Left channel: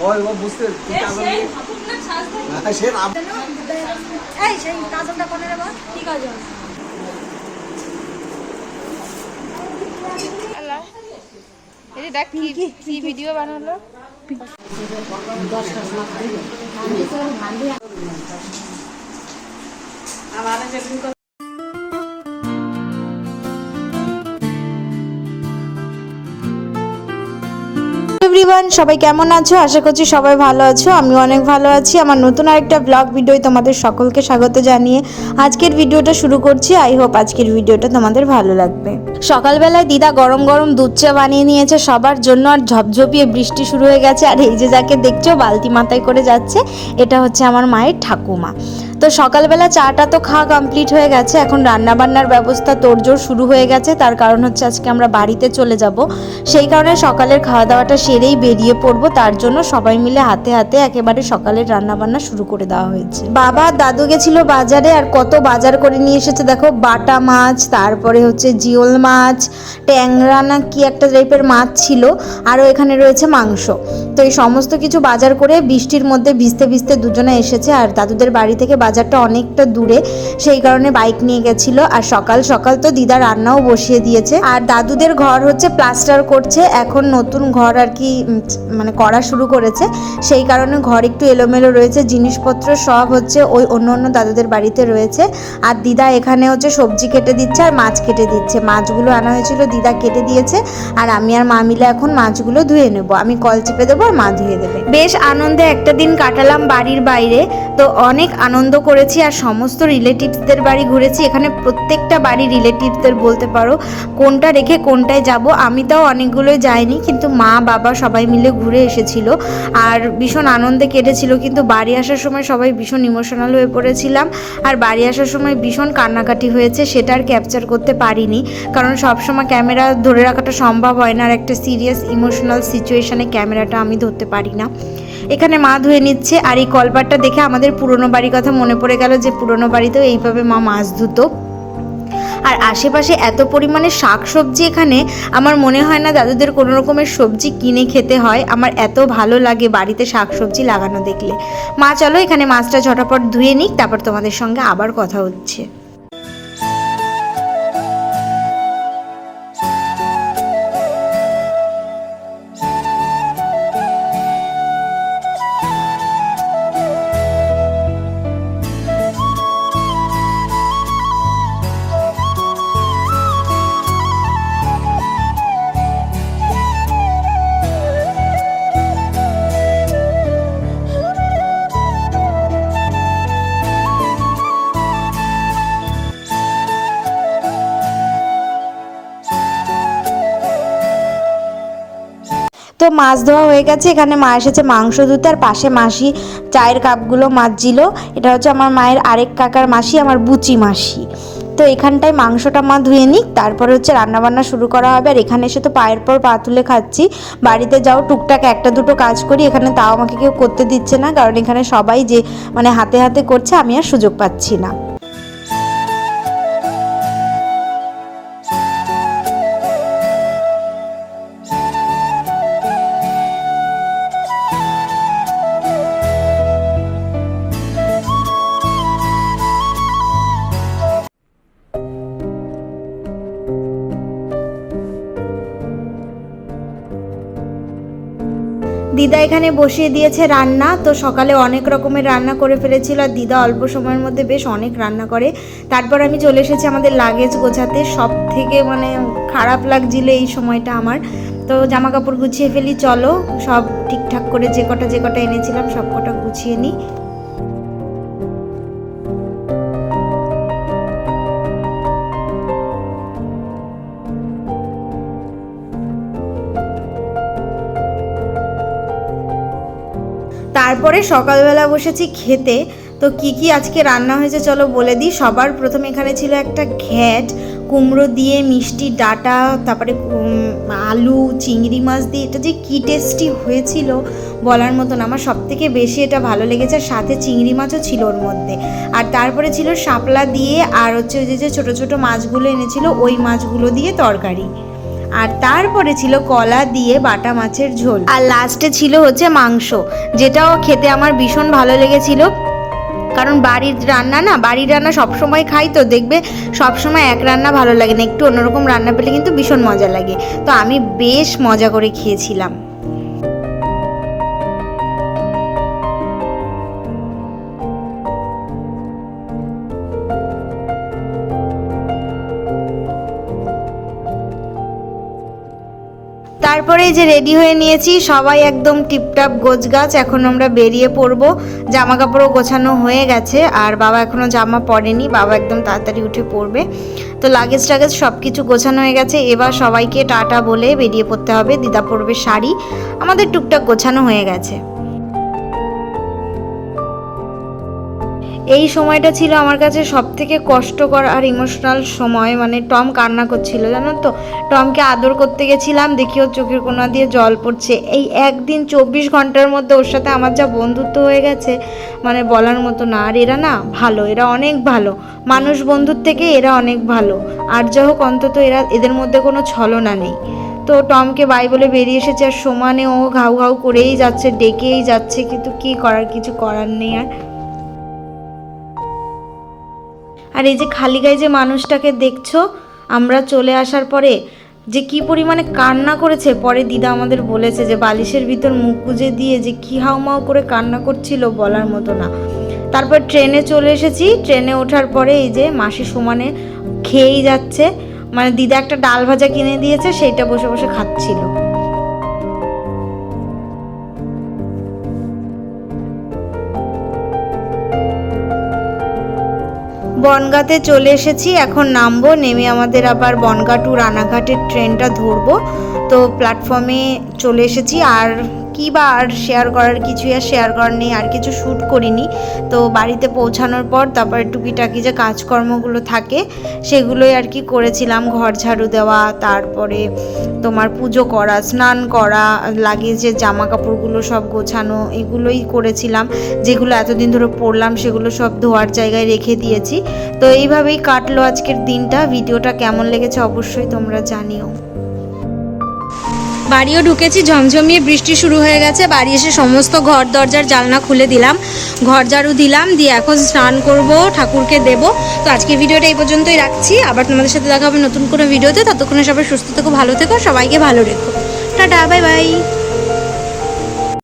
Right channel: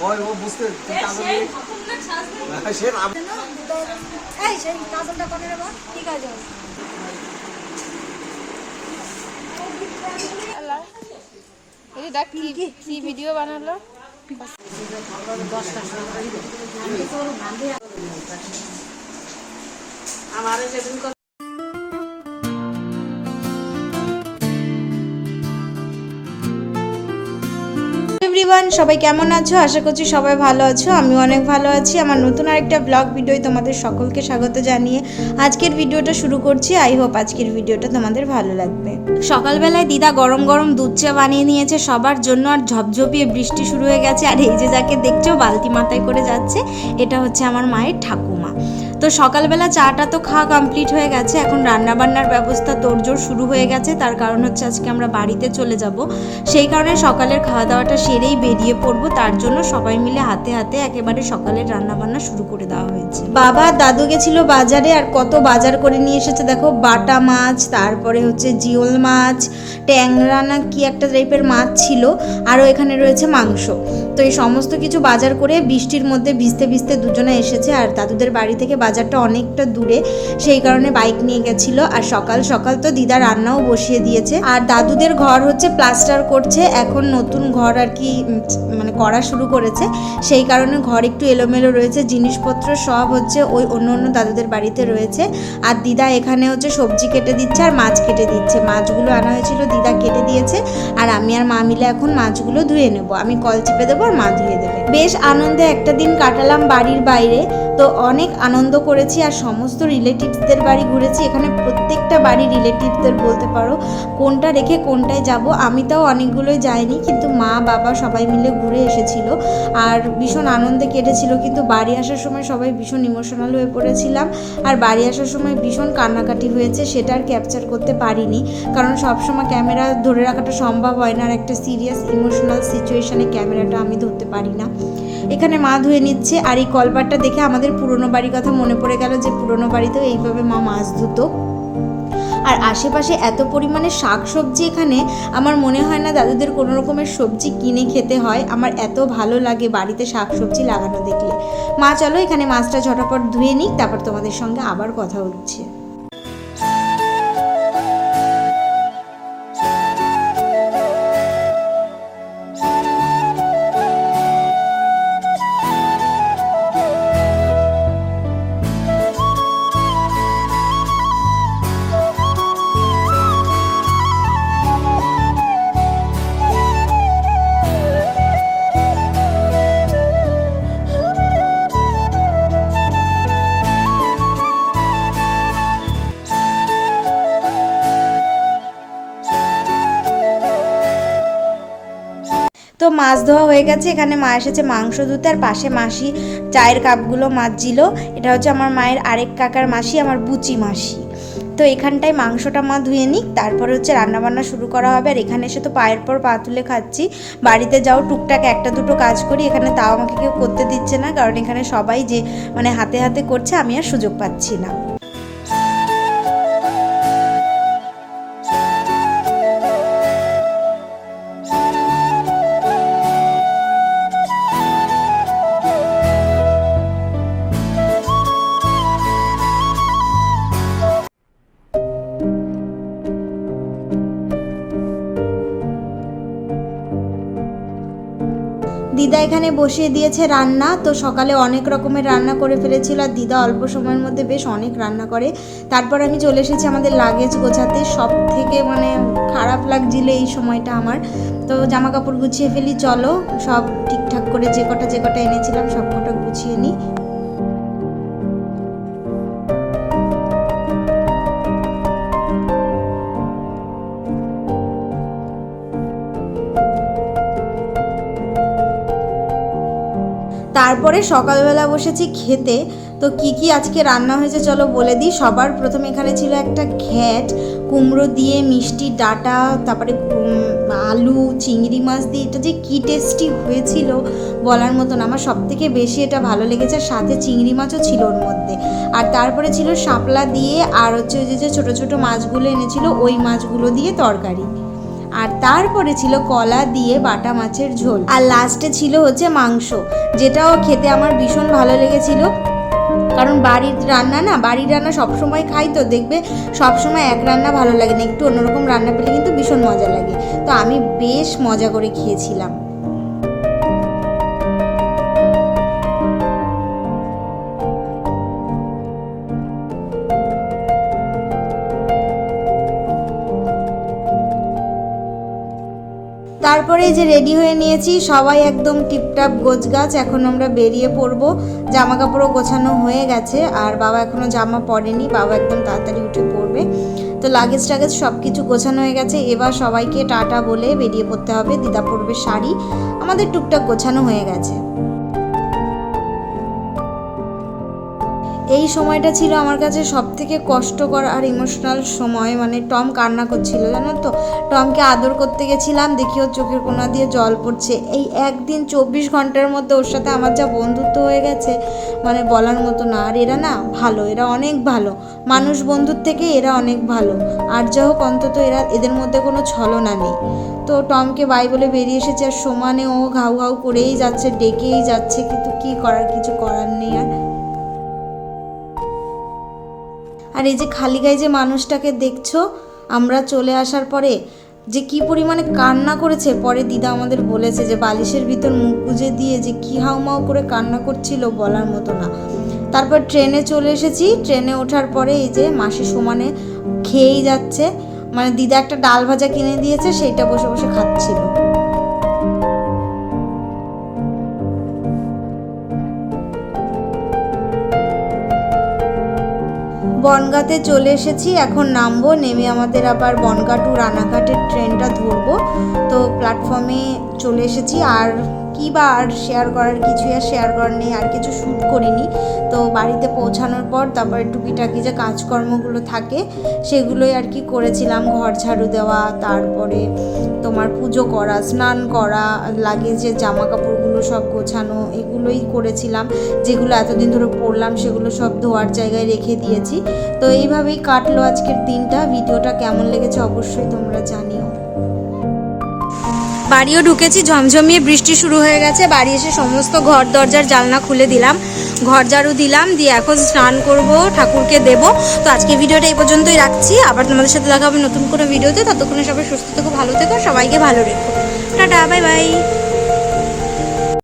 ওই ও বুঝতে হ্যাঁ, সে রাম এই সেই কাজলটা করে নেব কি কাজল? এই দেখ কি কি ভিডিও বানালো? এভরিওয়ান সবাই কেমন আছো? আশা করছি সবাই ভালো আছো। আমি অনেক ভালো আছি। আমার নতুন আরেকটা ব্লগ ভিডিও তোমাদের সকলকে স্বাগত জানিয়ে আজকের ভিডিওটা শুরু করছি। আই হোপ আজকের ভিডিওটা তোমাদের ভালো লাগবে। সকালবেলায় দিদা গরম গরম দুধ চা বানিয়ে নিয়েছে। সবার জন্য আর ঝপঝপিয়ে বৃষ্টি শুরু হয়ে গেছে। আর এই যে যাকে দেখছ, বালতি মাথায় করে যাচ্ছে, এটা হচ্ছে আমার মায়ের ঠাকুমা। তো সকালবেলা চাটা তো খাওয়া কমপ্লিট হয়ে গেছে। এখন রান্না বান্নার ব্যবস্থা তোড়জোড় শুরু হয়ে গেছে। তার কারণ হচ্ছে আজকে আমরা বাড়িতে চলে যাব। সেই কারণে সকালের খাওয়া দাওয়াটা সেরেই বেরিয়ে পড়ব। তার জন্য সবাই মিলে হাতে হাতে একেবারে সকালের রান্না বান্না শুরু করে দেওয়া হয়েছে। বাবা দাদু গেছিল বাজারে আর কত বাজার করে নিয়ে এসেছে দেখো। বাটা মাছ, তারপরে হচ্ছে জিওল মাছ, ট্যাংরা না কি একটা টাইপের মাছ ছিল। আরও এখানে রয়েছে মাংস। তো এই সমস্ত কিছু বাজার করে বৃষ্টির মধ্যে ভিজতে ভিজতে দুজনে এসেছে আর দাদুদের বাড়ি থেকে বাজারটা অনেকটা দূরে, সেই কারণে বাইক নিয়ে গেছিল। আর সকাল সকাল তো দিদা রান্নাও বসিয়ে দিয়েছে। আর দাদুদের ঘর হচ্ছে প্লাস্টার করছে, এখন নতুন ঘর আর কি মানে করা শুরু করেছে। সেই কারণে ঘর একটু এলোমেলো রয়েছে, জিনিসপত্র সব হচ্ছে ওই অন্য অন্য দাদুদের বাড়িতে রয়েছে। আর দিদা এখানে হচ্ছে সবজি কেটে দিচ্ছে আর মাছ কেটে দিচ্ছে। মাছগুলো আনা হয়েছিল, দিদা কেটে দিয়েছে। আর আমি আর মা মিলে এখন মাছগুলো ধুয়ে নেব। আমি কল চেপে দেবো আর মা ধুয়ে দেবে। বেশ আনন্দে একটা দিন কাটালাম বাড়ির বাইরে। তো অনেক আনন্দ করেছি আর সমস্ত রিলেটিভসদের বাড়ি ঘুরেছি। এখানে প্রত্যেকটা বাড়ি রিলেটিভসদের বলতে পারো, কোনটা রেখে কোনটায় যাব। আমি তাও অনেকগুলোই যাইনি, কিন্তু মা, বাবা সবাই মিলে ঘুরে এসেছিল আর ভীষণ আনন্দে কেটেছিল। কিন্তু বাড়ি আসার সময় সবাই ভীষণ ইমোশনাল হয়ে পড়েছিলাম আর বাড়ি আসার সময় ভীষণ কান্নাকাটি হয়েছে, সেটা আর ক্যাপচার করতে পারিনি। কারণ সবসময় ক্যামেরা ধরে রাখাটা সম্ভব হয় না আর একটা সিরিয়াস ইমোশনাল সিচুয়েশানে ক্যামেরাটা আমি ধরতে পারি না। এখানে মা ধুয়ে নিচ্ছে আর এই কলপারটা দেখে আমাদের পুরনো বাড়ির কথা মনে পড়ে গেল যে পুরনো বাড়িতেও এইভাবে মা মাছ ধুতো। আর আশেপাশে এত পরিমাণে শাক সবজি এখানে আমার মনে হয় না দাদুদের কোনো রকমের সবজি কিনে খেতে হয়। আমার এত ভালো লাগে বাড়িতে শাক সবজি লাগানো দেখলে। মা, চলো এখানে মাছটা ঝটাপট ধুয়ে নিক, তারপর তোমাদের সঙ্গে আবার কথা হচ্ছে। তো মাছ ধোয়া হয়ে গেছে। এখানে মা এসেছে মাংস ধুতে আর পাশে মাসি চায়ের কাপগুলো মাজছিল। এটা হচ্ছে আমার মায়ের আরেক কাকার মাসি, আমার বুচি মাসি। তো এখানটায় মাংসটা মা ধুয়ে নিক, তারপরে হচ্ছে রান্নাবান্না শুরু করা হবে। আর এখানে এসে তো পায়ের পর পা তুলে খাচ্ছি। বাড়িতে যাও, টুকটাক একটা দুটো কাজ করি। এখানে তাও আমাকে কেউ করতে দিচ্ছে না, কারণ এখানে সবাই যে মানে হাতে হাতে করছে, আমি আর সুযোগ পাচ্ছি না। দিদা এখানে বসিয়ে দিয়েছে রান্না। তো সকালে অনেক রকমের রান্না করে ফেলেছিল আর দিদা অল্প সময়ের মধ্যে বেশ অনেক রান্না করে। তারপর আমি চলে এসেছি আমাদের লাগেজ গোছাতে। সব থেকে মানে খারাপ লাগছিল এই সময়টা আমার। তো জামা কাপড় গুছিয়ে ফেলি, চলো। সব ঠিকঠাক করে যে কটা যে কটা এনেছিলাম সব কটা গুছিয়ে নিই। তারপরে সকালবেলা বসেছি খেতে। তো কি কি আজকে রান্না হয়েছে চলো বলে দিই। সবার প্রথমে এখানে ছিল একটা ঘ্যাট, কুমড়ো দিয়ে মিষ্টি ডাটা, তারপরে আলু, চিংড়ি মাছ দিয়ে। এটা যে কী টেস্টি হয়েছিল বলার মতন আমার সব থেকে বেশি এটা ভালো লেগেছে। আর সাথে চিংড়ি মাছও ছিল ওর মধ্যে। আর তারপরে ছিল শাপলা দিয়ে আর হচ্ছে যে ছোটো ছোটো মাছগুলো এনেছিল, ওই মাছগুলো দিয়ে তরকারি। আর তারপরে ছিল কলা দিয়ে বাটা মাছের ঝোল। আর লাস্টে ছিল হচ্ছে মাংস, যেটাও খেতে আমার ভীষণ ভালো লেগেছিল। কারণ বাড়ির রান্না না, বাড়ির রান্না সবসময় খাই তো, দেখবে সবসময় এক রান্না ভালো লাগে না, একটু অন্যরকম রান্না পেলে কিন্তু ভীষণ মজা লাগে। তো আমি বেশ মজা করে খেয়েছিলাম। তারপরে যে রেডি হয়ে নিয়েছি, সবাই একদম টিপটাপ গোছগাছ, এখন আমরা বেরিয়ে পড়ব। জামা কাপড়ও গোছানো হয়ে গেছে, আর বাবা এখনও জামা পরেনি, বাবা একদম তাড়াতাড়ি উঠে পড়বে। তো লাগেজ টাগেজ সব কিছু গোছানো হয়ে গেছে, এবার সবাইকে টাটা বলে বেরিয়ে পড়তে হবে, দিদা পড়বে শাড়ি। আমাদের টুকটাক গোছানো হয়ে গেছে। এই সময়টা ছিল আমার কাছে সব থেকে কষ্টকর আর ইমোশনাল সময়। মানে টম কান্না করছিল, জানো তো? টমকে আদর করতে গেছিলাম, দেখি ওর চোখের কোনা দিয়ে জল পড়ছে। এই একদিন চব্বিশ ঘণ্টার মধ্যে ওর সাথে আমার যা বন্ধুত্ব হয়ে গেছে মানে বলার মতো না। আর এরা না ভালো, এরা অনেক ভালো। মানুষ বন্ধুর থেকে এরা অনেক ভালো। আর যা হোক, অন্তত এরা, এদের মধ্যে কোনো ছলনা নেই। তো টমকে বাই বলে বেরিয়ে এসেছে, আর সমানে ও ঘাউ ঘাউ করেই যাচ্ছে, ডেকেই যাচ্ছে, কিন্তু কি করার, কিছু করার নেই আর। আর এই যে খালি গায়ে যে মানুষটাকে দেখছ, আমরা চলে আসার পরে যে কি পরিমাণে কান্না করেছে, পরে দিদা আমাদের বলেছে যে বালিশের ভিতর মুখ গুজে দিয়ে যে কি হাউমাউ করে কান্না করছিল বলার মতো না। তারপর ট্রেনে চলে এসেছি, ট্রেনে ওঠার পরে এই যে মাসি সমানে খেয়েই যাচ্ছে মানে দিদা একটা ডাল ভাজা কিনে দিয়েছে, সেইটা বসে বসে খাচ্ছিল। বনগাঁতে চলে এসেছি, এখন নামবো, নেমে আমাদের আবার বনগা টু রানাঘাটের ট্রেনটা ধরবো। তো প্ল্যাটফর্মে চলে এসেছি, আর কি বা আর শেয়ার করার, কিছুই আর শেয়ার করার নেই, আর কিছু শ্যুট করিনি। তো বাড়িতে পৌঁছানোর পর তারপরে টুকিটাকি যে কাজকর্মগুলো থাকে, সেগুলোই আর কি করেছিলাম। ঘর ঝাড়ু দেওয়া, তারপরে তোমার পুজো করা, স্নান করা লাগেজের জামা কাপড়গুলো সব গোছানো, এগুলোই করেছিলাম। যেগুলো এতদিন ধরে পরলাম, সেগুলো সব ধোয়ার জায়গায় রেখে দিয়েছি। তো এইভাবেই কাটলো আজকের দিনটা। ভিডিওটা কেমন লেগেছে অবশ্যই তোমরা জানিও। বাড়িও ঢুকেছি, ঝমঝমিয়ে বৃষ্টি শুরু হয়ে গেছে, বাড়ি এসে সমস্ত ঘর দরজার জালনা খুলে দিলাম। ঘর ঝাড়ু দিলাম, দিয়ে এখন স্নান করব, ঠাকুরকে দেব। তো আজকে ভিডিওটা এই পর্যন্তই রাখছি। আবার তোমাদের সাথে দেখা হবে নতুন কোনো ভিডিওতে। ততক্ষণে সবাই সুস্থ থেকো, ভালো থেকো, সবাইকে ভালো রেখো। Tata, bye bye.